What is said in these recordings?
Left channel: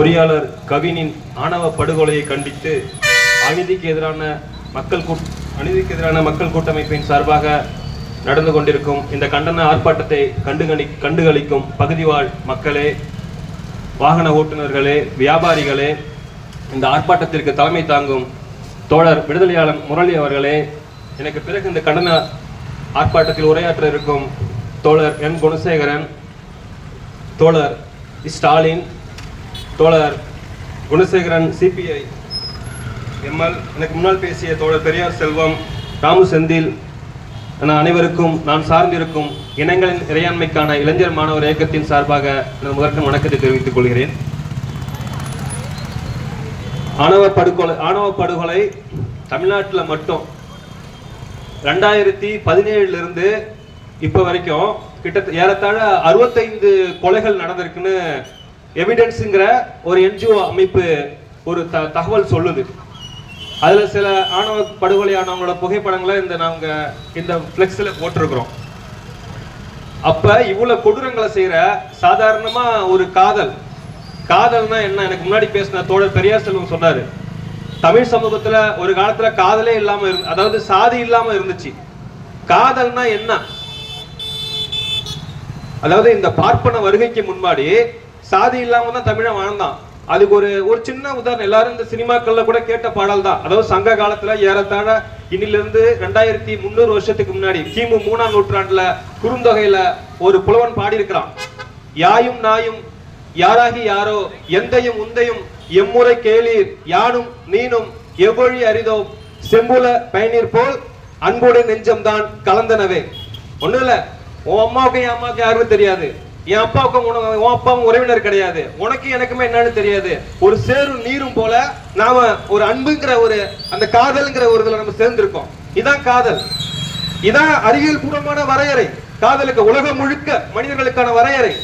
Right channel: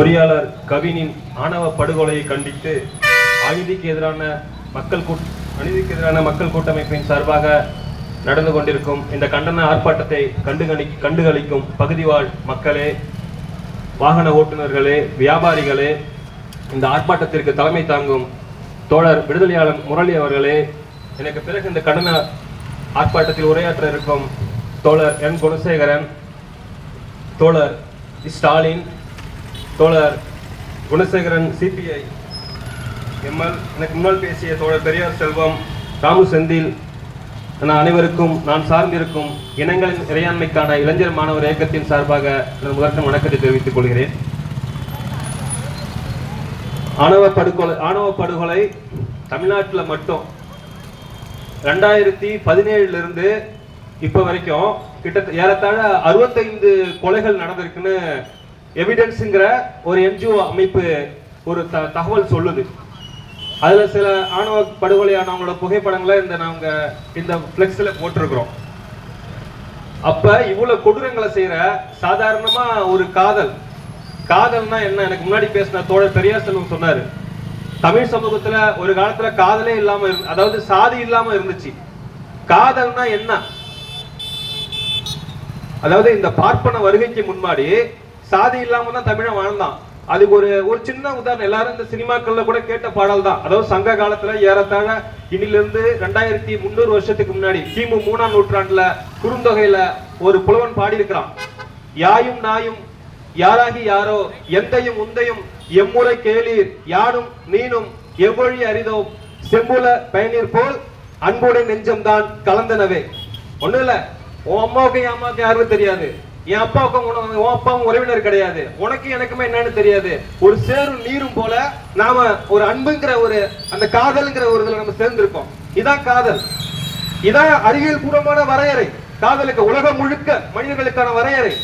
பொறியாளர் கவினின் ஆணவ படுகொலையை கண்டித்து அநீதிக்கு எதிரான மக்கள் கூட் அநீதிக்கு எதிரான மக்கள் கூட்டமைப்பின் சார்பாக நடந்து கொண்டிருக்கும் இந்த கண்டன ஆர்ப்பாட்டத்தை கண்டுகளி கண்டுகளிக்கும் பகுதிவாழ் மக்களே வாகன ஓட்டுநர்களே வியாபாரிகளே இந்த ஆர்ப்பாட்டத்திற்கு தலைமை தாங்கும் தோழர் விடுதலையாளன் முரளி அவர்களே எனக்கு பிறகு இந்த கண்டன ஆர்ப்பாட்டத்தில் உரையாற்ற இருக்கும் தோழர் என் குணசேகரன் தோழர் ஸ்டாலின் தோழர் குணசேகரன் சிபிஐ எம்எல். எனக்கு முன்னால் பேசிய தோழர் பெரியார் செல்வம் ராமு செந்தில் என அனைவருக்கும் நான் சார்ந்திருக்கும் இனங்களின் இறையாண்மைக்கான இளைஞர் மாணவர் இயக்கத்தின் சார்பாக எனது முதற்கும் வணக்கத்தை தெரிவித்துக் கொள்கிறேன். ஆணவ படுகொலை ஆணவ படுகொலை தமிழ்நாட்டில் மட்டும். ரெண்டாயிரத்தி பதினேழுல இருந்து இப்போ வரைக்கும் கிட்டத்தட்ட ஏறத்தாழ அறுபத்தைந்து கொலைகள் நடந்திருக்குன்னு எவிடன்ஸுங்கிற ஒரு என்ஜிஓ அமைப்பு ஒரு த தகவல் சொல்லுது. அதில் சில ஆணவ படுகொலையானவங்களோட புகைப்படங்களை இந்த நாங்க இந்த ஃப்ளெக்ஸில் போட்டிருக்கிறோம். அப்ப இவ்வளவு கொடூரங்களை செய்யற சாதாரணமா ஒரு காதல். காதல்னா என்ன? எனக்கு முன்னாடி பேசின தோழர் பெரியார் செல்வம் சொன்னாரு. தமிழ் சமூகத்துல ஒரு காலத்துல காதலே இல்லாமல் இருந்து அதாவது சாதி இல்லாமல் இருந்துச்சு. காதல்னா என்ன? அதாவது இந்த பார்ப்பன வருகைக்கு முன்னாடி சாதி இல்லாம தான் தமிழன் வாழ்ந்தான். அதுக்கு ஒரு ஒரு சின்ன உதாரணம் எல்லாரும் இந்த சினிமாக்கள்ல கூட கேட்ட பாடல் தான். அதாவது சங்க காலத்துல ஏறத்தாழ இன்னிலிருந்து ரெண்டாயிரத்தி முந்நூறு வருஷத்துக்கு முன்னாடி கிமு மூணாம் நூற்றாண்டுல குறுந்தொகையில ஒரு புலவன் பாடியிருக்கிறான். யாயும் நாயும் யாராகி யாரோ எந்தையும் உந்தையும் எம்முறை கேளீர் யானும் நீனும் எவ்வழி அரிதோ செம்புல பயனீர் போல் அன்புடன் நெஞ்சம்தான் கலந்தனவே. ஒண்ணும் இல்ல உன் அம்மாவுக்கும் என் அம்மாவுக்கும் யாருக்கும் தெரியாது. என் அப்பாவுக்கும் உன் அப்பாவும் உறவினர் கிடையாது. உனக்கு எனக்குமே என்னன்னு தெரியாது. ஒரு சேரும் நீரும் போல நாம ஒரு அன்புங்கிற ஒரு அந்த காதல்ங்கிற ஒரு இதுல நம்ம சேர்ந்திருக்கோம். இதான் காதல். இதான் அறிவியல் பூர்வமான வரையறை. காதலுக்கு உலகம் முழுக்க மனிதர்களுக்கான வரையறை.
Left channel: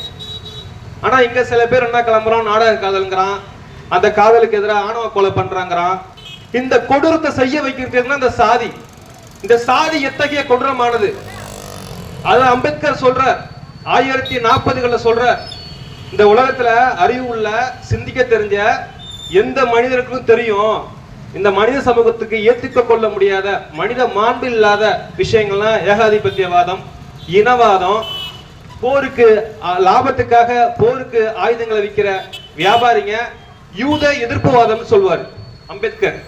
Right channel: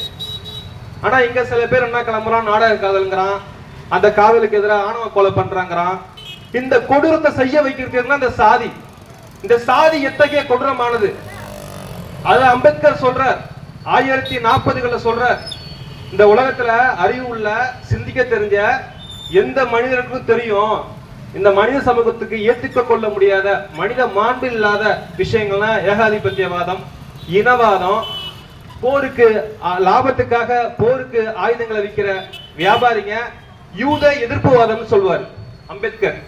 ஆனா இங்க சில பேர் என்ன கிளம்புறான்? நாடக காதல்ங்கிறான். அந்த காதலுக்கு எதிராக ஆணவ கொலை பண்றாங்கிறான். இந்த கொடூரத்தை செய்ய வைக்கிறது அந்த சாதி. இந்த சாதி எத்தகைய கொடூரமானது? அது அம்பேத்கர் சொல்றார். ஆயிரத்தி நாற்பதுகளில் சொல்கிற இந்த உலகத்துல அறிவு உள்ள சிந்திக்க தெரிஞ்ச எந்த மனிதருக்கும் தெரியும் இந்த மனித சமூகத்துக்கு ஏற்றுக்க கொள்ள முடியாத மனித மாண்பு இல்லாத விஷயங்கள்லாம் ஏகாதிபத்தியவாதம் இனவாதம் போருக்கு லாபத்துக்காக போருக்கு ஆயுதங்களை விற்கிற வியாபாரிங்க யூத எதிர்ப்புவாதம்னு சொல்லுவார் அம்பேத்கர்.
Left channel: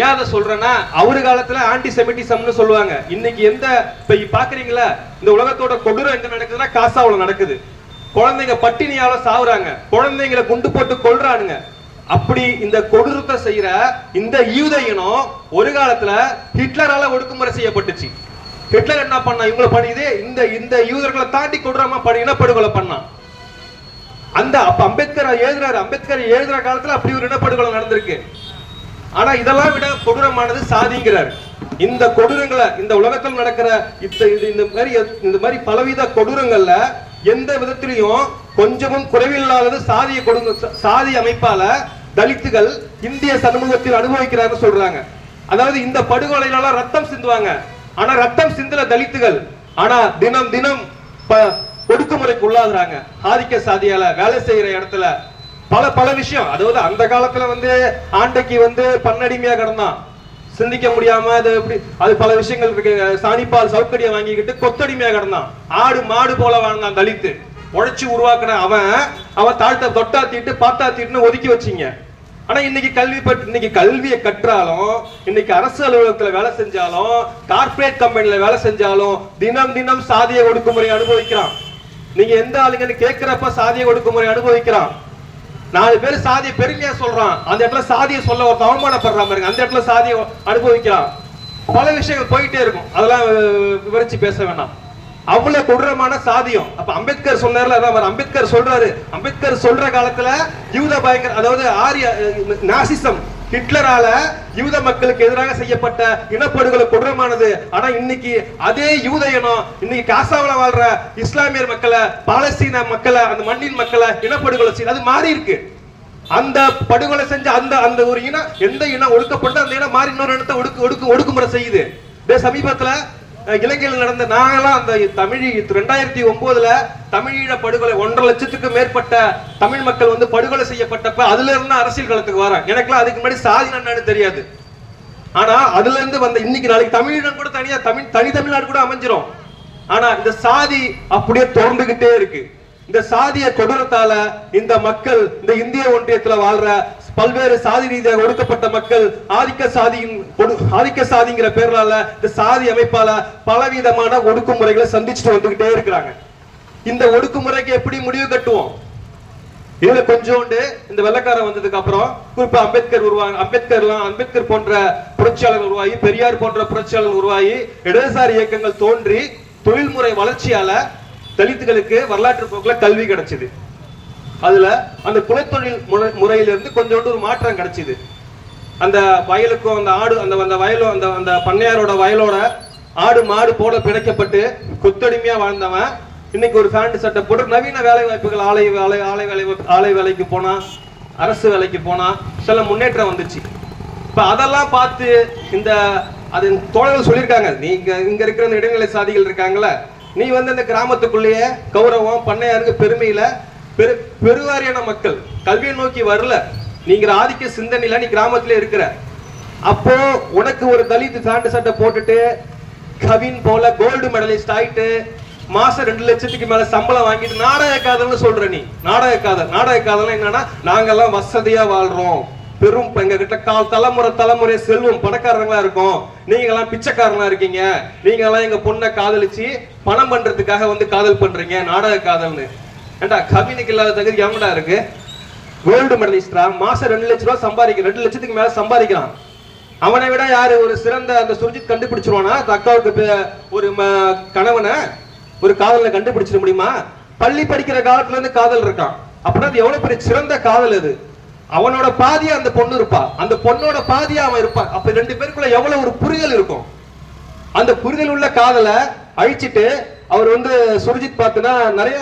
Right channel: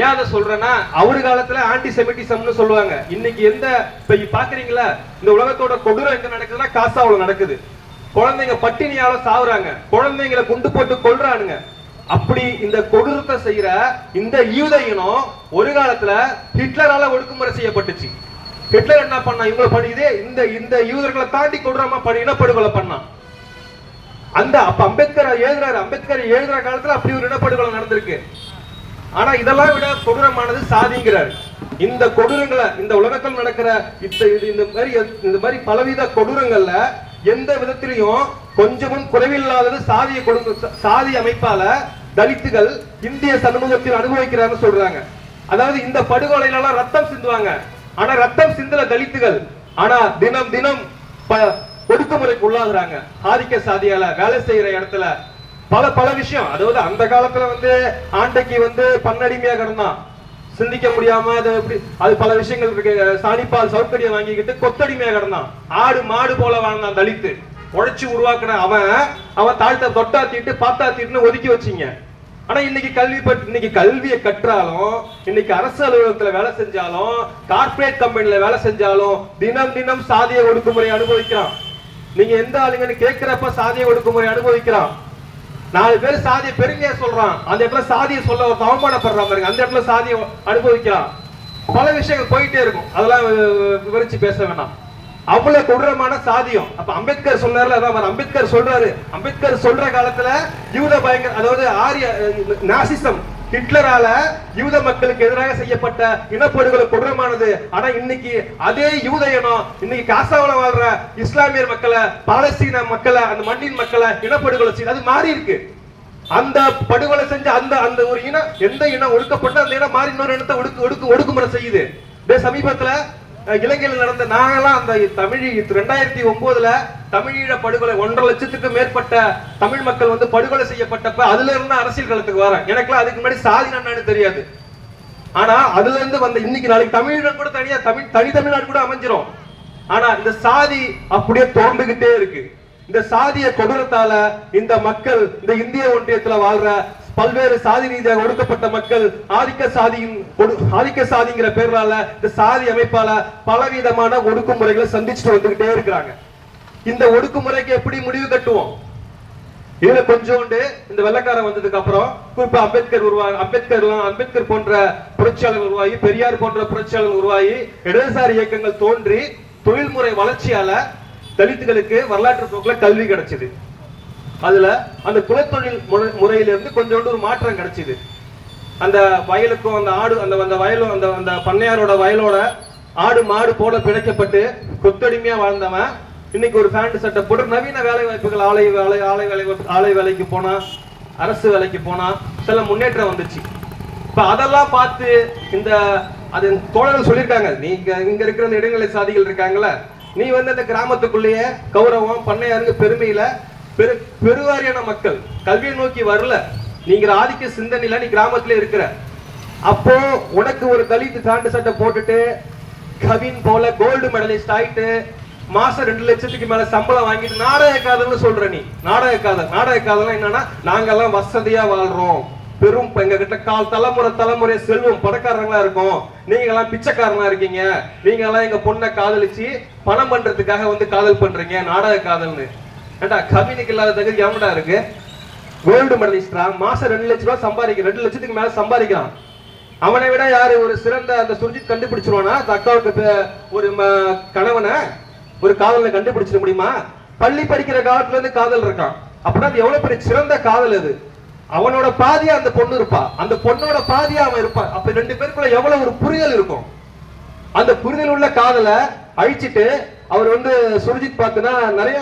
ஏன் அதை சொல்றேன்னா அவரு காலத்துல ஆன்டி செமிட்டிசம்னு சொல்லுவாங்க. இன்னைக்கு எந்த இப்ப பாக்குறீங்களா? இந்த உலகத்தோட கொடூரம் எங்க நடக்குதுன்னா காசாவுல நடக்குது. குழந்தைங்க பட்டினியால சாவுறாங்க. குழந்தைங்களை குண்டு போட்டு கொள்றானுங்க அப்படி இந்த கொடூரத்தை செய்யற இந்த யூத இனம் ஒரு காலத்துல ஹிட்லரால ஒடுக்குமுறை செய்யப்பட்டுச்சு. ஹிட்லர் என்ன பண்ணா இவங்களை பண்ணிதே இந்த இந்த யூதர்களை தாண்டி கொடூரமா பண்ணி இனப்படுகொலை பண்ணான். அந்த அப்ப அம்பேத்கர் எழுதுறாரு. அம்பேத்கர் எழுதுற காலத்துல அப்படி ஒரு இனப்படுகொலை நடந்திருக்கு. ஆனா இதெல்லாம் விட கொடூரமானது சாதிங்கிறார். இந்த கொடூரங்களை இந்த உலகத்தில் நடக்கிற இந்த இது- இந்த மாதிரி இந்த மாதிரி பலவித கொடூரங்கள்ல எந்த விதத்திலையும் கொஞ்சமும் குறைவில்லாதது சாதிய கொடுங்க சாதி அமைப்பால தலித்துகள் இந்திய சமூகத்தில் அனுபவிக்கிறாங்க சொல்றாங்க. அதாவது இந்த படுகொலையில ரத்தம் சிந்துவாங்க. ஆனா ரத்தம் சிந்தல தலித்துகள் ஆனா தினம் தினம் ப- ஒடுக்குமுறைக்கு உள்ளாகுறாங்க. ஆதிக்க சாதியால வேலை செய்யற இடத்துல பல பல விஷயம். அதாவது அந்த காலத்துல வந்து ஆண்டைக்கு வந்து பன்னடிமையா கிடந்தான் சிந்திக்க முடியாம அது எப்படி அது பல விஷயங்கள் இருக்கு. சாணிப்பால் சவுக்கடியை வாங்கிக்கிட்டு கொத்தடிமையா கிடந்தான் ஆடு மாடு போல வாழ்ந்தான் தலித்து. உழைச்சி உருவாக்குன அவன் அவன் தாழ்த்த தொட்டாத்திட்டு பாத்தாத்திட்டுன்னு ஒதுக்கி வச்சீங்க. ஆனா இன்னைக்கு கல்வி பற்றி இன்னைக்கு கல்வியை கற்றாலும் இன்னைக்கு அரசு அலுவலகத்துல வேலை செஞ்சாலும் கார்ப்பரேட் கம்பெனில வேலை செஞ்சாலும் தினம் தினம் சாதிய ஒடுக்குமுறை அனுபவிக்கிறான். நீங்க எந்த ஆளுங்கன்னு கேட்கிறப்ப சாதிய ஒடுக்குமுறை அனுபவிக்கிறான். நாலு பேர் சாதியை பெருமையா சொல்றான். அந்த இடத்துல சாதியை சொல்ல ஒருத்தன் அவமானப்படுறான் பாருங்க. அந்த இடத்துல சாதியை அனுபவிக்கிறான். பல விஷயங்கள் போயிட்டே இருக்கும். அதெல்லாம் விவரிச்சு பேச வேண்டாம் அவ்வளவு கொடூரமான சாதியம். அப்ப அம்பேத்கர் சொன்னார்ல அதான் அவர் அம்பேத்கர் சொல்றாரு. அம்பேத்கர் சொல்ற காலத்துல யூத பயங்கர அதாவது ஆரிய நாசிசம் ஹிட்லரால யூத மக்களுக்கு எதிராக செய்யப்பட்ட இனப்படுகொலை கொடூரமானது. ஆனா இன்னைக்கு அதே யூத இனம் இன்னைக்கு காசாவுல வாழ்ற இஸ்லாமியர் மக்களை பாலஸ்தீன மக்களை அந்த மண்ணின் மக்களை இனப்படுகொலை செய்து அது மாறி இருக்கு. அந்த படுகொலை செஞ்ச அந்த அந்த ஒரு இனம் எந்த இனம் ஒடுக்கப்பட்டு அந்த இனம் மாறி இன்னொரு இனத்தை ஒடுக்கு ஒடுக்கு ஒடுக்குமுறை செய்யுது. சமீபத்துல இலங்கையில் நடந்த நாங்கெல்லாம் அந்த தமிழ் ரெண்டாயிரத்தி ஒன்பதுல தமிழீழ படுகொலை ஒன்றரை லட்சத்துக்கு மேற்பட்ட தமிழ் மக்கள் வந்து படுகொலை செய்யப்பட்டப்ப அதுல இருந்து அரசியல் களத்துக்கு வரேன் எனக்குலாம் அதுக்கு முன்னாடி சாதி என்னன்னு தெரியாது. ஆனா அதுல இருந்து வந்த இன்னைக்கு நாளைக்கு தமிழீழம் கூட தனியா தமிழ் தனி தமிழ்நாடு கூட அமைஞ்சிரும். ஆனா இந்த சாதி அப்படியே தொடர்ந்துகிட்டே இருக்கு. இந்த சாதிய கொடூரத்தால இந்த மக்கள் இந்த இந்திய ஒன்றியத்துல வாழ்ற பல்வேறு சாதி ரீதியாக ஒடுக்கப்பட்ட மக்கள் ஆதிக்க சாதியின் கொடு- ஆதிக்க சாதிங்கிற பேரால இந்த சாதி அமைப்பால பலவிதமான ஒடுக்குமுறைகளை சந்திச்சுட்டு வந்துகிட்டே இருக்கிறாங்க. இந்த ஒடுக்குமுறைக்கு எப்படி முடிவு கட்டுவோம்? இதுல கொஞ்சோண்டு இந்த வெள்ளக்காரன் வந்ததுக்கு அப்புறம் குறிப்பா அம்பேத்கர் உருவாங்க அம்பேத்கர் அம்பேத்கர் போன்ற புரட்சியாளர்கள் உருவாகி பெரியார் போன்ற புரட்சியாளர்கள் உருவாகி இடதுசாரி இயக்கங்கள் தோன்றி தொழில்முறை வளர்ச்சியால தலித்துகளுக்கு வரலாற்று போக்குல கல்வி கிடைச்சது. அதுல அந்த குலத்தொழில் முறை- முறையிலிருந்து கொஞ்சோண்டு ஒரு மாற்றம் கிடைச்சிது. அந்த வயலுக்கும் அந்த ஆடு அந்த அந்த வயலும் அந்த அந்த பண்ணையாரோட வயலோட ஆடு மாடு போல பிணைக்கப்பட்டு கொத்தடிமையா வாழ்ந்தவன். இன்னைக்கு ஒரு பேண்ட் சட்டை போட்டு நவீன வேலை வாய்ப்புகள் ஆலை வேலை ஆலை வேலை ஆலை வேலைக்கு போனா அரசு வேலைக்கு போனா சில முன்னேற்றம் வந்துச்சு. இப்ப அதெல்லாம் பார்த்து இந்த அது தோழர்கள் சொல்லியிருக்காங்க. நீங்க இங்க இருக்கிற இந்த இடைநிலை சாதிகள் இருக்காங்கல்ல நீ வந்து அந்த கிராமத்துக்குள்ளேயே கௌரவம் பண்ணையாருக்கு பெருமையில பெரு பெருவாரியான மக்கள் கல்வியை நோக்கி வரல. நீங்க ஆதிக்க சிந்தனையில நீ கிராமத்துல இருக்கிற. அப்போ உனக்கு ஒரு தலித் பேண்ட் சட்டை போட்டுட்டு கவின் போல கோல்டு மெடலிஸ்ட் ஆயிட்டு மாசம் ரெண்டு லட்சத்துக்கு மேல சம்பளம் வாங்கிட்டு நாடக காதல்னு சொல்ற நீ. நாடக காதல். நாடக காதல் என்னன்னா நாங்கெல்லாம் வசதியா வாழ்றோம். பெரும் எங்க கிட்ட கால் தலைமுறை தலைமுறை செல்வம் பணக்காரங்களா இருக்கும். நீங்க எல்லாம் பிச்சைக்காரனா இருக்கீங்க. நீங்க எல்லாம் எங்க பொண்ணை காதலிச்சு பணம் பண்றதுக்காக வந்து காதல் பண்றீங்க. நாடக காதல்னு. ஏண்டா கவினுக்கு இல்லாத தகுதி எவன்டா இருக்கு? கோல்டு மெடலிஸ்டா மாசம் ரெண்டு லட்ச ரூபா சம்பாதிக்க ரெண்டு லட்சத்துக்கு மேல சம்பாதிக்கிறான். அவனை விட யாரு ஒரு சிறந்த அந்த சுர்ஜித் கண்டுபிடிச்சிருவானா? அக்காவுக்கு ஒரு ம- கணவனை ஒரு காதலை கண்டுபிடிச்சிட முடியுமா? பள்ளி படிக்கிற காலத்துல இருந்து காதல் இருக்கான். அப்படின்னா அது எவ்வளவு பெரிய சிறந்த காதல் அது? அவனோட பாதியா அந்த பொண்ணு இருப்பா. அந்த பொண்ணோட பாதியா அவன் இருப்பான். அப்ப ரெண்டு பேருக்குள்ள எவ்வளவு ஒரு புரிதல் இருக்கும்? அந்த புரிதல் உள்ள காதலை அழிச்சிட்டு அவர் வந்து சுரஜித் பார்த்துனா நிறைய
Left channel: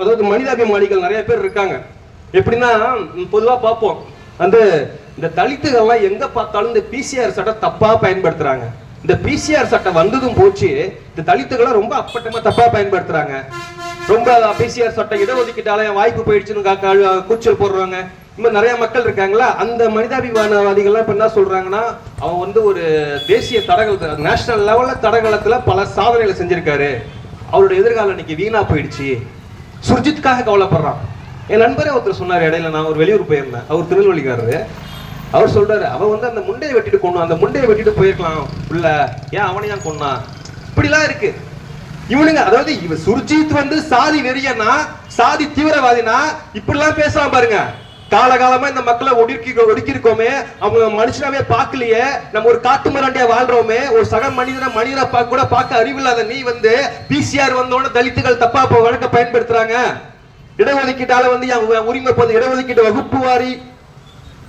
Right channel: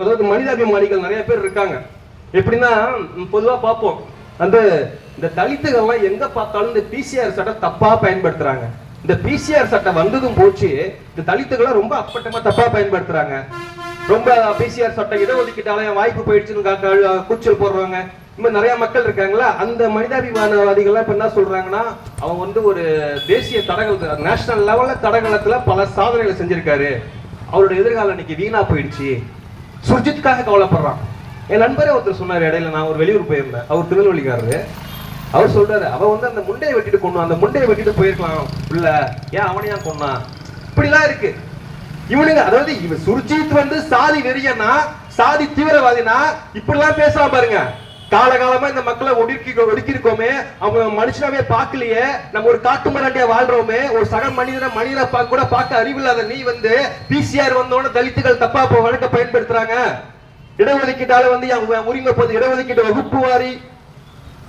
அதாவது மனிதாபிமானிகள் நிறைய பேர் இருக்காங்க. எப்படின்னா பொதுவாக பார்ப்போம். வந்து இந்த தலித்துகள்லாம் எங்க பார்த்தாலும் இந்த பிசிஆர் சட்டை தப்பா பயன்படுத்துறாங்க. இந்த பிசிஆர் சட்டை வந்ததும் போச்சு இந்த தலித்துகளை ரொம்ப அப்பட்டமா தப்பா பயன்படுத்துறாங்க. ரொம்ப பிசிஆர் சட்டை இடஒதுக்கீட்டால வாய்ப்பு போயிடுச்சுன்னு கூச்சல் போடுறாங்க. இன்னும் நிறைய மக்கள் இருக்காங்களா? அந்த மனிதாபிமானவாதிகள்லாம் இப்ப என்ன சொல்றாங்கன்னா அவன் வந்து ஒரு தேசிய தடகள நேஷனல் லெவல்ல தடகளத்துல பல சாதனைகளை செஞ்சிருக்காரு. அவருடைய எதிர்காலம் இன்னைக்கு வீணா போயிடுச்சு. சுர்ஜித்துக்காக கவலைப்படுறான். என் நண்பரே ஒருத்தர் சொன்னார் இடையில நான் ஒரு வெளியூர் போயிருந்தேன். அவர் திருநெல்வேலிக்காரரு. அவர் சொல்றாரு அவன் வந்து அந்த முண்டையை வெட்டிட்டு கொண்டான் அந்த முண்டையை வெட்டிட்டு போயிருக்கலாம் உள்ள. ஏன் அவனையா கொண்டான் இப்படிலாம் இருக்கு. இவனுங்க அதாவது இவன் சுர்ஜித் வந்து சாதி வெறியனா சாதி தீவிரவாதினா இப்படிலாம் பேசலாம் பாருங்க. காலகாலமா இந்த மக்களை ஒடுக்கி ஒடுக்கி இருக்கோமே அவங்க மனுஷனாவே பார்க்கலையே. நம்ம ஒரு காட்டு மிராண்டியா வாழ்றோமே. ஒரு சக மனிதனை மனிதனை பார்க்க கூட பார்க்க அறிவில்லாத நீ வந்து பிசிஆர் வந்தோட தலித்துகள் தப்பா இப்ப வழக்க பயன்படுத்துறாங்க. இடஒதுக்கீட்டால வந்து என் உரிமை போது இடஒதுக்கீட்டு வகுப்பு வாரி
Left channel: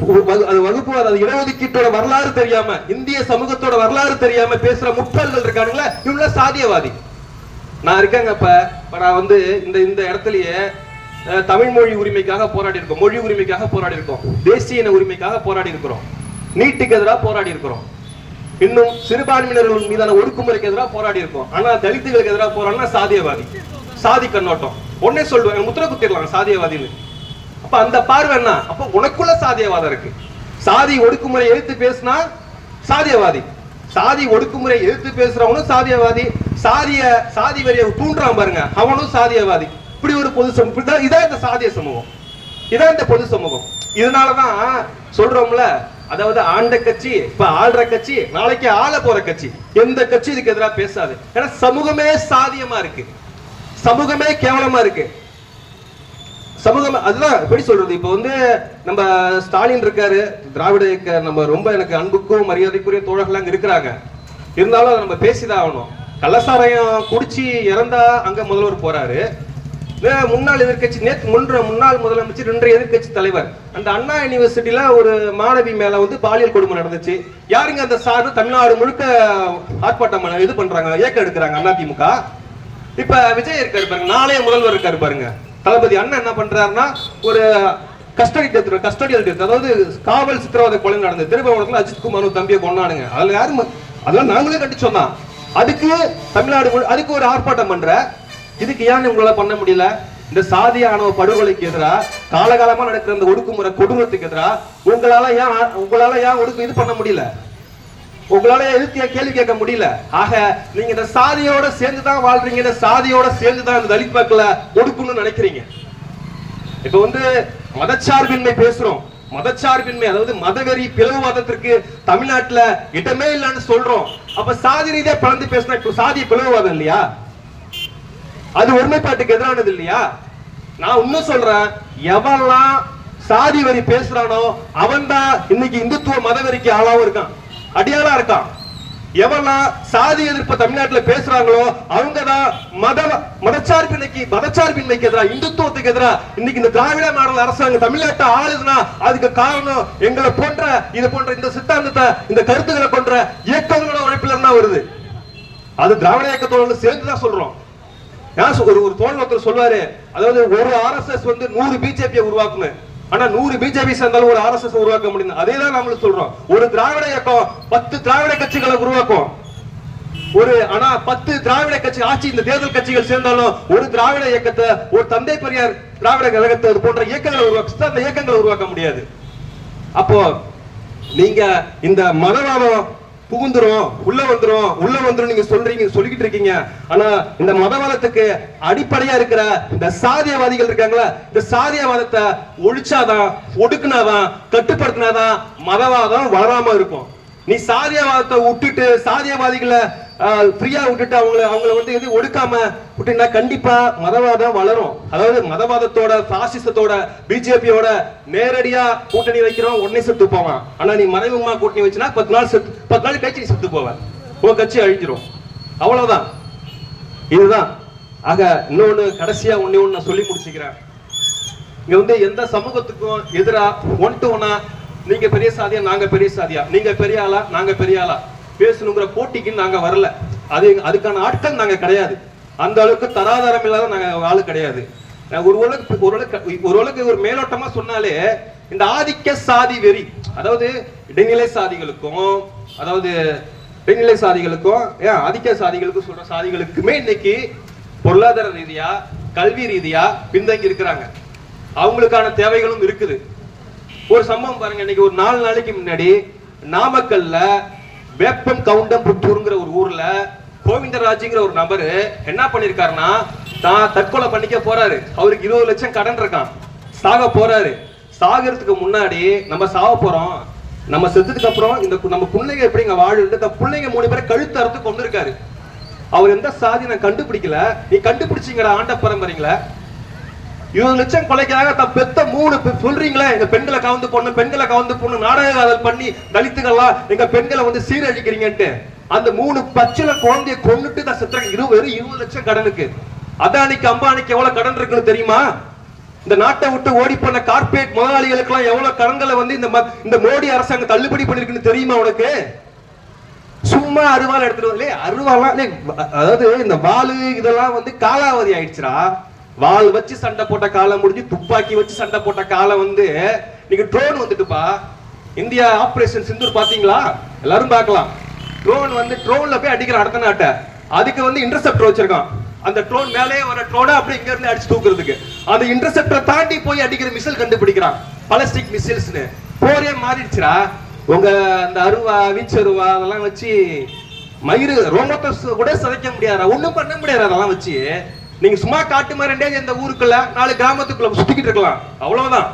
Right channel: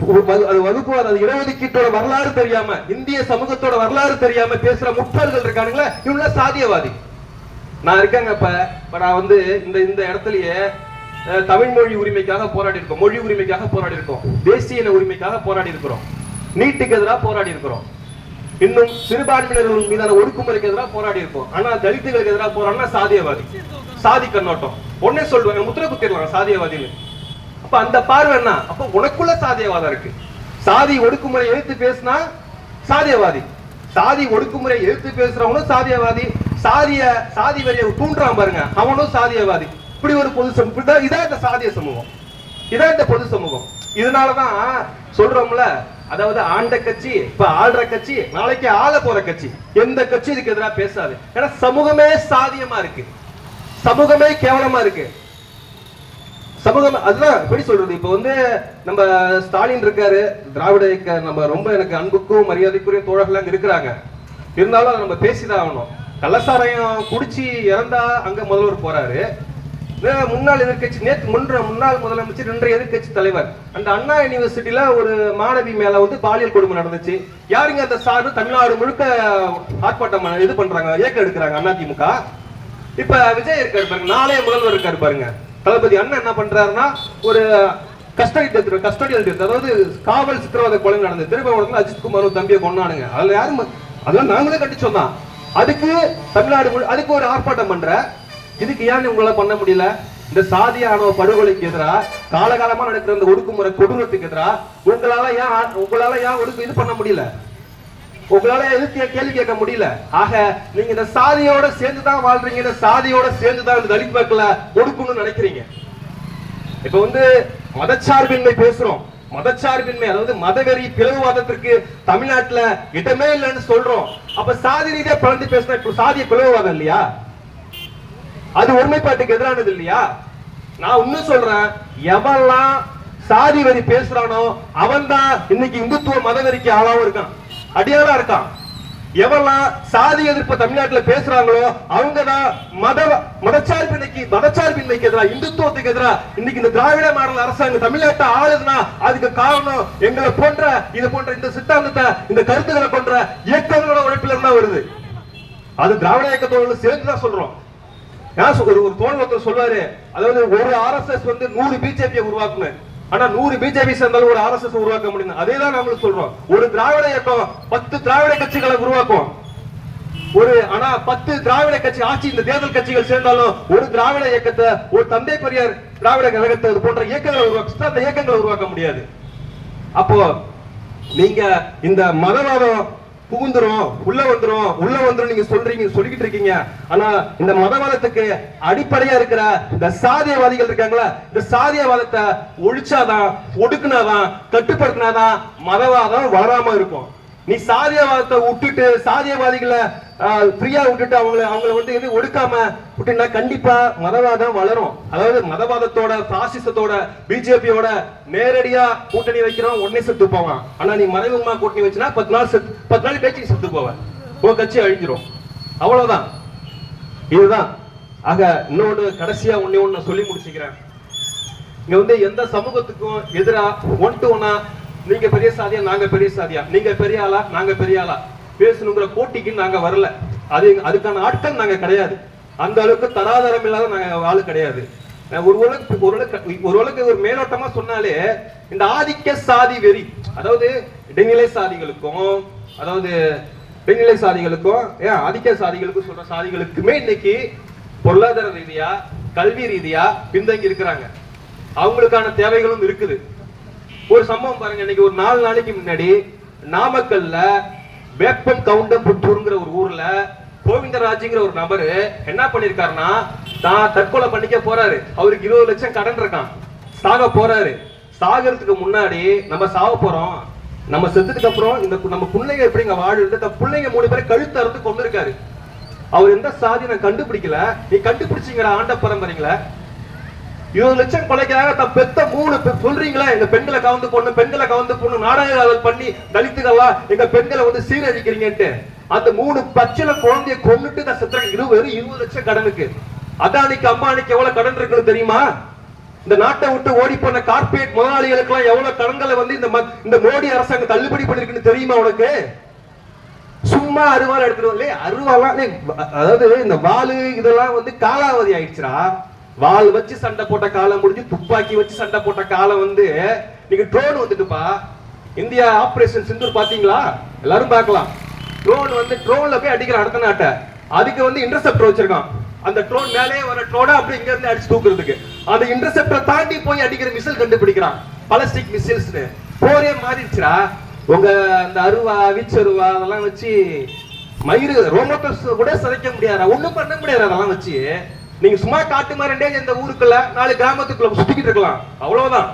வகு- அது வகுப்பு வாரி, அது இடஒதுக்கீட்டோட வரலாறு தெரியாம இந்திய சமூகத்தோட வரலாறு தெரியாம பேசுற முட்டாள்கள் இருக்கானுங்களா. இவங்க சாதியவாதி. நான் இருக்கேங்க இப்ப நான் வந்து இந்த இந்த இடத்துலயே தமிழ் மொழி உரிமைக்காக போராடி இருக்கோம் மொழி உரிமைக்காக போராடி இருக்கோம் தேசிய இன உரிமைக்காக போராடி இருக்கிறோம் நீட்டுக்கு எதிராக போராடி இருக்கிறோம் இன்னும் சிறுபான்மையினர்கள் மீதான ஒடுக்குமுறைக்கு எதிராக போராடி இருக்கோம் ஆனா தலித்துகளுக்கு எதிராக போராடினா சாதியவாதி சாதி கண்ணோட்டம். உடனே சொல்லுவாங்க முத்திர குத்திடலாம் சாதியவாதின்னு. அப்ப அந்த பார்வை என்ன? அப்ப உனக்குள்ள சாதியவாதம் இருக்கு. சாதி ஒடுக்குமுறை எழுத்து பேசினா சாதியவாதி. சாதி ஒடுக்குமுறை எதிர்த்து பேசுறவனும் சாதியவாதி. சாதிய சாதி வரிய தூண்டுறான் பாருங்க அவனும் சாதியவாதி. இப்படி ஒரு பொது சமூகம். இதான் இதான் இந்த சாதிய சமூகம். இதான் இந்த பொது சமூகம். இதனாலதான் சொல்றோம்ல அதாவது ஆண்ட கட்சி இப்ப ஆள்ற கட்சி நாளைக்கு ஆள போற கட்சி. எந்த கட்சி இதுக்கு எதிராக பேசாது. ஏன்னா சமூகமே சாதியமா இருக்கு. சமூகமே கேவலமா இருக்கு. சமூகம் அதுதான் எப்படி சொல்றது? இப்போ வந்து நம்ம ஸ்டாலின் இருக்காரு திராவிட இயக்க நம்ம ரொம்ப எனக்கு அன்புக்கும் மரியாதைக்குரிய தோழர்கள் அங்க இருக்கிறாங்க. இருந்தாலும் நம்ம பேசிதான் ஆகணும். கள்ளசாராயம் குடிச்சு இறந்தா அங்க முதல்வர் போறாரு. முன்னாள் எதிர்க்கட்சி நேற்று முன்ற முன்னாள் முதலமைச்சர் இன்றைய எதிர்க்கட்சி தலைவர் அந்த அண்ணா யூனிவர்சிட்டியில ஒரு மாணவி மேல வந்து பாலியல் கொடுமை நடந்துச்சு. யாருங்க அந்த சார்பு? தமிழ்நாடு முழுக்க ஆர்ப்பாட்டம் பண்ண- இது பண்றாங்க இயக்கம் எடுக்கிறாங்க அதிமுக இப்ப விஜய் இருக்காரு பாருங்க நாளைய முதல்வர் இருக்காரு பாருங்க. தளபதி அண்ணன் என்ன பண்றாருன்னா ஒரு கஸ்டடி டெத் கஸ்டடியல் டெத் அதாவது காவல் சித்திரவதை கொலை நடந்தது திருபவனத்தில் அஜித் குமார் தம்பியை கொண்டானுங்க அதுல யாரும் அதெல்லாம் நாங்களே கட்டி சொன்னோம் அதுக்கு தமிழ்நாடு முழு- அதுக்கு ஒரு ஆர்ப்பாட்டம் பண்ற இதுக்கு ஏன் உங்களால பண்ண முடியல? இந்த சாதிய ஆணவ படுகொலைக்கு எதிரா காலகாலமா நடக்கிற இந்த ஒடுக்குமுறை கொடூரத்துக்கு எதிரா உங்களால ஏன் உங்களால ஏன் ஒடுக்கு இது பண்ண முடியல? உங்களால எதுக்கு கேள்வி கேட்க முடியல? ஆக நீங்க இந்த சாதியோட சேர்ந்து தான் வாழ்றீங்க இந்த சாதியோட சேர்ந்து தான் இந்த தலித் மக்களை ஒடுக்கணும்னு நினைக்கிறீங்க. இப்ப வந்து மதச்சார்பின்மை பேசுறோம். மதச்சார்பின்மை அதாவது மதவெறி பிளவுவாதத்திற்கு தமிழ்நாட்டுல இடமே இல்லைன்னு சொல்றோம். அப்ப சாதி ரீதியா பிளந்து பேசினா இப்ப சாதிய பிளவுவாதம் இல்லையா? அது ஒருமைப்பாட்டுக்கு எதிரானது இல்லையா? நான் இன்னும் சொல்றேன். எவெல்லாம் சாதி வரி பேசுறானோ அவன் தான் இன்னைக்கு இந்துத்துவ மதவெறிக்கு ஆளாவும் இருக்கான். அடியாளா இருக்கான். எவெல்லாம் சாதி எதிர்ப்பு தமிழ்நாட்டுல பேசுறாங்களோ அவங்க தான் மத மதச்சார்பின்மைக்கு மதச்சார்பின்மைக்கு எதிரா இந்துத்துவத்துக்கு எதிரா இன்னைக்கு இந்த திராவிட மாடல் அரசாங்கம் தமிழ்நாட்டை ஆளுதுன்னா அதுக்கு காரணம் எங்களை போன்ற இது போன்ற இந்த சித்தாந்தத்தை இந்த கருத்துக்களை கொன்ற இயக்கங்களோட உழைப்பில் இருந்தா வருது. அது திராவிட இயக்கத்தோடு சேர்ந்து தான் சொல்றோம். ஒரு ஒரு தோழர் ஒருத்தர் சொல்வாரு. அதாவது ஒரு ஆர்எஸ்எஸ் வந்து நூறு பிஜேபியை உருவாக்கணும். ஆனா நூறு பிஜேபி சேர்ந்தாலும் ஒரு ஆர்எஸ்எஸ் உருவாக்க முடியும் அதே தான் நம்மளுக்கு சொல்றோம். ஒரு திராவிட இயக்கம் பத்து திராவிட கட்சிகளை உருவாக்கும். ஒரு ஆனா பத்து திராவிட கட்சி ஆட்சி இந்த தேர்தல் கட்சிகள் சேர்ந்தாலும் ஒரு திராவிட இயக்கத்தை ஒரு தந்தை பெரியார் திராவிட கழகத்தை அது போன்ற இயக்கங்களை உருவாக்க அந்த இயக்கங்களை உருவாக்க முடியாது. அப்போ நீங்க இந்த மதவாதம் புகுந்துரும் உள்ள வந்துரும் உள்ள வந்துரும் நீங்க சொல்றீங்க சொல்லிக்கிட்டு இருக்கீங்க. ஆனா இந்த மதவாதத்துக்கு அடிப்படையா இருக்கிற இந்த சாதியவாதிகள் இருக்காங்களா இந்த சாதியவாதத்தை ஒழிச்சாதான் ஒடுக்குனாதான் கட்டுப்படுத்தினாதான் மதவாதம் வளராம இருக்கும். நீ சாதியவாதத்தை விட்டுட்டு சாதியவாதிகளை ஃப்ரீயா விட்டுட்டு அவங்கள அவங்கள வந்து எது ஒடுக்காம விட்டுனா கண்டிப்பா மதவாதம் வளரும். அதாவது மதவாதத்தோட பாசிசத்தோட பிஜேபியோட நேரடியா கூட்டணி வைக்கிறோம் உடனே செத்து போவான். ஆனா நீ மறைமுகமா கூட்டணி வச்சுனா பத்து நாள் செத்து பத்து நாள் கழிச்சு செத்து போவ. உன் கட்சி அழிஞ்சிரும். அவ்வளவுதான். இதுதான். ஆக இன்னொன்னு கடைசியா ஒன்னே ஒண்ணு நான் சொல்லி முடிச்சுக்கிறேன். இங்க வந்து எந்த சமூகத்துக்கும் எதிரா ஒன் டு ஒன்னா நீங்க பெரிய சாதியா நாங்க பெரிய சாதியா? நீங்க பெரிய ஆளா நாங்க பெரிய ஆளா? பேசணுங்கிற போட்டிக்கு நாங்க வரல. அது அதுக்கான ஆட்கள் நாங்க கிடையாது. அந்த அளவுக்கு தராதரம் இல்லாத நாங்க ஆளு கிடையாது. ஒரு உலக ஒரு உலக ஒரு மேலோட்டமா சொன்னாலே இந்த ஆதிக்க சாதி வெறி அதாவது இடைநிலை சாதிகளுக்கும் அதாவது இடைநிலை சாதிகளுக்கும் ஏன் ஆதிக்க சாதிகளுக்கும் சொல்ற சாதிகளுக்குமே இன்னைக்கு பொருளாதார ரீதியா கல்வி ரீதியா பின்தங்கி இருக்கிறாங்க. அவங்களுக்கான தேவைகளும் இருக்குது. ஒரு சம்பவம் பாருங்க இன்னைக்கு ஒரு நாலு நாளைக்கு முன்னாடி நாமக்கல்ல வேப்பம் கவுண்டம் புத்தூருங்கிற ஒரு ஊர்ல கோவிந்தராஜுங்கிற ஒரு நபரு என்ன பண்ணிருக்காருன்னா தான் தற்கொலை பண்ணிக்க போறாரு. அவருக்கு இருபது லட்சம் கடன் இருக்கான் சாக போறாரு. சாகிறதுக்கு முன்னாடி நம்ம சாக போறோம். நம்ம செத்ததுக்கு அப்புறம் இந்த கு- நம்ம பிள்ளைங்க எப்படி இங்க வாழுது? இந்த பிள்ளைங்க மூணு பேரை கழுத்து அறுத்து கொண்டு இருக்காரு அவர் எந்த சாதி நான் கண்டுபிடிக்கல. நீ கண்டுபிடிச்சிங்கிற ஆண்ட பரம்பரைங்கள. இருபது லட்சம் கொலைக்காக தன் பெத்த மூணு பெ- சொல்றீங்களே? எங்க பெண்களை கவர்ந்து பொண்ணு பெண்களை கவர்ந்து பொண்ணு நாடக காதல் பண்ணி தலித்துகள்லாம் எங்க பெண்களை வந்து சீரழிக்கிறீங்கன்ட்டு அந்த மூணு பச்சில குழந்தைய கொன்னுட்டு நான் செத்துறேன் இருபது இருபது லட்சம் கடனுக்கு. அதானிக்கு அம்பானிக்கு எவ்வளவு கடன் இருக்குன்னு தெரியுமா? இந்த நாட்டை விட்டு ஓடி போன கார்பரேட் முதலாளிகளுக்கு எல்லாம் எவ்வளவு கடன்களை வந்து இந்த ம- இந்த மோடி அரசாங்கம் தள்ளுபடி பண்ணிருக்குன்னு தெரியுமா உனக்கு? சும்மா அருவாள் எடுத்துட்டு வரல அருவாலாம் அதாவது இந்த வாலு இதெல்லாம் வந்து காலாவதி ஆயிடுச்சுடா. வாள் வச்சு சண்டை போட்ட காலம் முடிஞ்சு துப்பாக்கி வச்சு சண்டை போட்ட காலம் வந்து நீங்க ட்ரோன் வந்துட்டுப்பா. இந்தியா ஆபரேஷன் சிந்தூர் பாத்தீங்களா? எல்லாரும் பார்க்கலாம். ட்ரோன் வந்து ட்ரோன்ல போய் அடிக்கிற அடுத்த நாட்டை அதுக்கு வந்து இன்டர்செப்டர் வச்சிருக்கான். அந்த ட்ரோன் மேலே வர ட்ரோனை அப்படியே இங்க இருந்து அடிச்சு தூக்குறதுக்கு. அந்த இன்டர்செப்டரை தாண்டி போய் அடிக்கிற மிசைல் கண்டுபிடிக்கிறான். பலஸ்டிக் மிசைல்ஸ்னு போரே மாறிடுச்சுடா. உங்க அந்த அருவா வீச்சருவா அதெல்லாம் வச்சு மயிறு ரோமத்தை கூட சிதைக்க முடியாது ஒண்ணும் பண்ண முடியாது அதெல்லாம் வச்சு. நீங்க சும்மா காட்டு மாதிரி இந்த ஊருக்குள்ள நாலு கிராமத்துக்குள்ள சுத்திக்கிட்டு இருக்கலாம். அவ்வளவுதான்.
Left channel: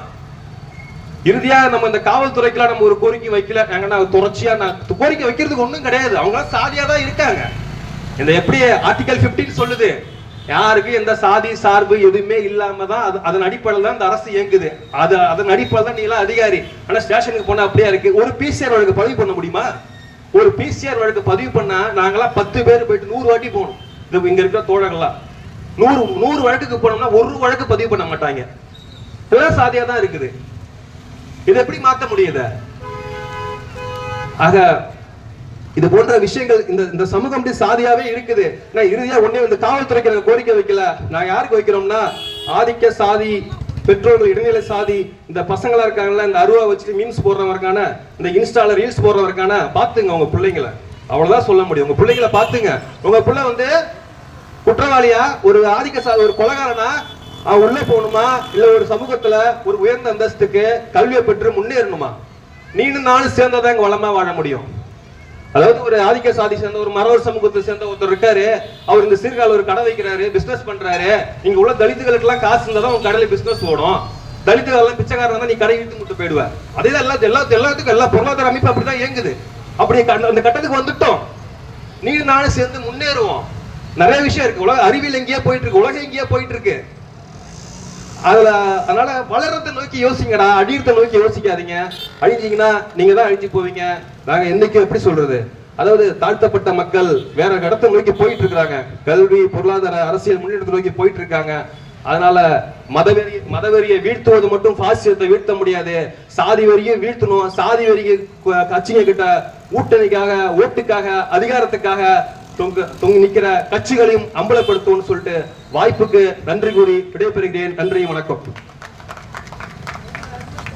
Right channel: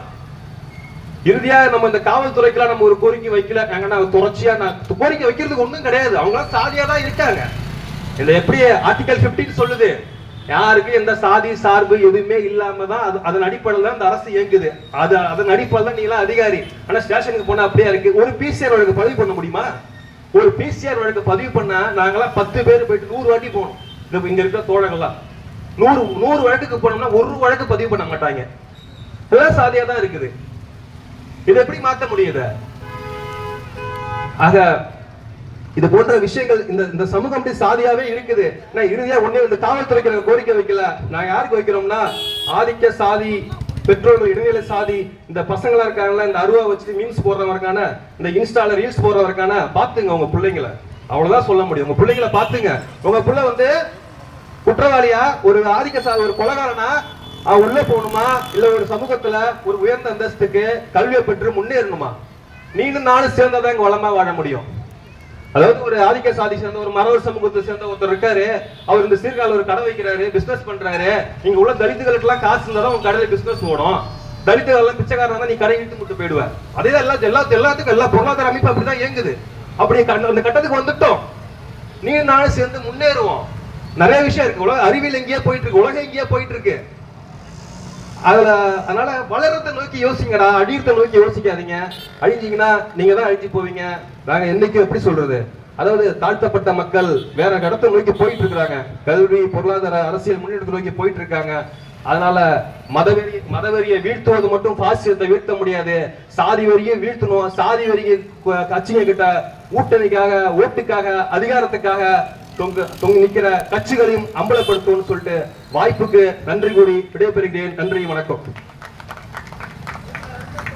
இறுதியா நம்ம இந்த காவல்துறைக்குலாம் நம்ம ஒரு கோரிக்கை வைக்கல. எங்கன்னா தொடர்ச்சியா நான் கோரிக்கை வைக்கிறதுக்கு ஒண்ணும் கிடையாது. அவங்க சாதியா தான் இருக்காங்க. இந்த எப்படி ஆர்டிகல் 15 சொல்லுது? யாருக்கு எந்த சாதி சார்பு எதுவுமே இல்லாம தான் அது அதன் அடிப்படையில் தான் இந்த அரசு இயங்குது. அது அதன் அடிப்படையில் தான் நீ எல்லாம் அதிகாரி. ஆனா ஸ்டேஷனுக்கு போனா அப்படியே இருக்கு? ஒரு பிசிஆர் வழக்கு பதிவு பண்ண முடியுமா? ஒரு பிசிஆர் வழக்கு பதிவு பண்ணா நாங்களாம் பத்து பேர் போயிட்டு நூறு வாட்டி போகணும். இது இங்க இருக்கிற தோழர்கள்லாம். நூறு நூறு வழக்குக்கு போனோம்னா ஒரு வழக்கு பதிவு பண்ண மாட்டாங்க. இதெல்லாம் சாதியா தான் இருக்குது. இதை எப்படி மாத்த முடியுது ஆக இது போன்ற விஷயங்கள் இந்த இந்த சமூகம் அப்படி சாதியாவே இருக்குது. நான் இறுதியா ஒன்னே இந்த காவல்துறைக்கு நாங்க கோரிக்கை வைக்கல. நான் யாருக்கு வைக்கிறோம்னா ஆதிக்க சாதி பெற்றோர்கள் இடைநிலை சாதி இந்த பசங்களா இருக்காங்கல்ல இந்த அருவா வச்சுட்டு மீம்ஸ் போடுறவருக்கான இந்த இன்ஸ்டால ரீல்ஸ் போடுறவருக்கான பாத்துங்க உங்க பிள்ளைங்களை. அவ்வளவுதான் சொல்ல முடியும். உங்க பிள்ளைங்களை பாத்துங்க உங்க பிள்ளை வந்து குற்றவாளியா? ஒரு ஆதிக்க சா ஒரு கொலகாரனா? அவன் உள்ள போகணுமா? இல்ல ஒரு சமூகத்துல ஒரு உயர்ந்த அந்தஸ்துக்கு கல்வியை பெற்று முன்னேறணுமா? நீனும் நானும் சேர்ந்தாதான் இங்க வளமா வாழ முடியும். அதாவது ஒரு ஆதிக்க சாதி சேர்ந்த ஒரு மரவர் சமூகத்தை சேர்ந்த ஒருத்தர் இருக்காரு. அவர் இந்த சீர்காழி ஒரு கடை வைக்கிறாரு பிசினஸ் பண்றாரு. இங்க உள்ள தலித்துகளுக்கு எல்லாம் காசு இருந்தா உங்க கடையில பிசினஸ் ஓடும். தலித்துகள் எல்லாம் பிச்சைக்காரன் நீ கடை இழுத்து விட்டு போயிடுவ. அதே எல்லா எல்லா எல்லாத்துக்கும் எல்லா பொருளாதார அமைப்பு அப்படிதான் இயங்குது. அப்படி அந்த கட்டத்துக்கு வந்துட்டோம். நீ நானும் சேர்ந்து முன்னேறுவோம். நிறைய விஷயம் இருக்கு. உலக அறிவியல் எங்கேயா போயிட்டு இருக்கு. உலகம் எங்கேயா போயிட்டு இருக்கு. அதுல அதனால வளரத்தை நோக்கி யோசிங்கடா. அழியத்தை நோக்கி யோசிக்காதீங்க. அழிஞ்சீங்கன்னா நீங்க தான் அழிஞ்சு போவீங்க. நாங்க என்னைக்கு எப்படி சொல்றது? அதாவது தாழ்த்தப்பட்ட மக்கள் வேற இடத்தை நோக்கி போயிட்டு இருக்கிறாங்க. கல்வி பொருளாதார அரசியல் முன்னேற்றத்தை நோக்கி போயிட்டு இருக்காங்க. அதனால மதவெறி மதவெறியை வீழ்த்துவது மட்டும் பாசியத்தை வீழ்த்த முடியாது. சாதி வரியும் வீழ்த்தணும். சாதி வரியை கட்சிங்க கிட்ட ஊட்டணிக்காக ஓட்டுக்காக அதிகாரத்துக்காக தொங்கு தொங்கி நிக்கிற கட்சிகளையும் அம்பலப்படுத்தும்னு சொல்லிட்டு வாய்ப்புக்கு நன்றி கூறி விடைபெறுகிறேன். நன்றி வணக்கம்.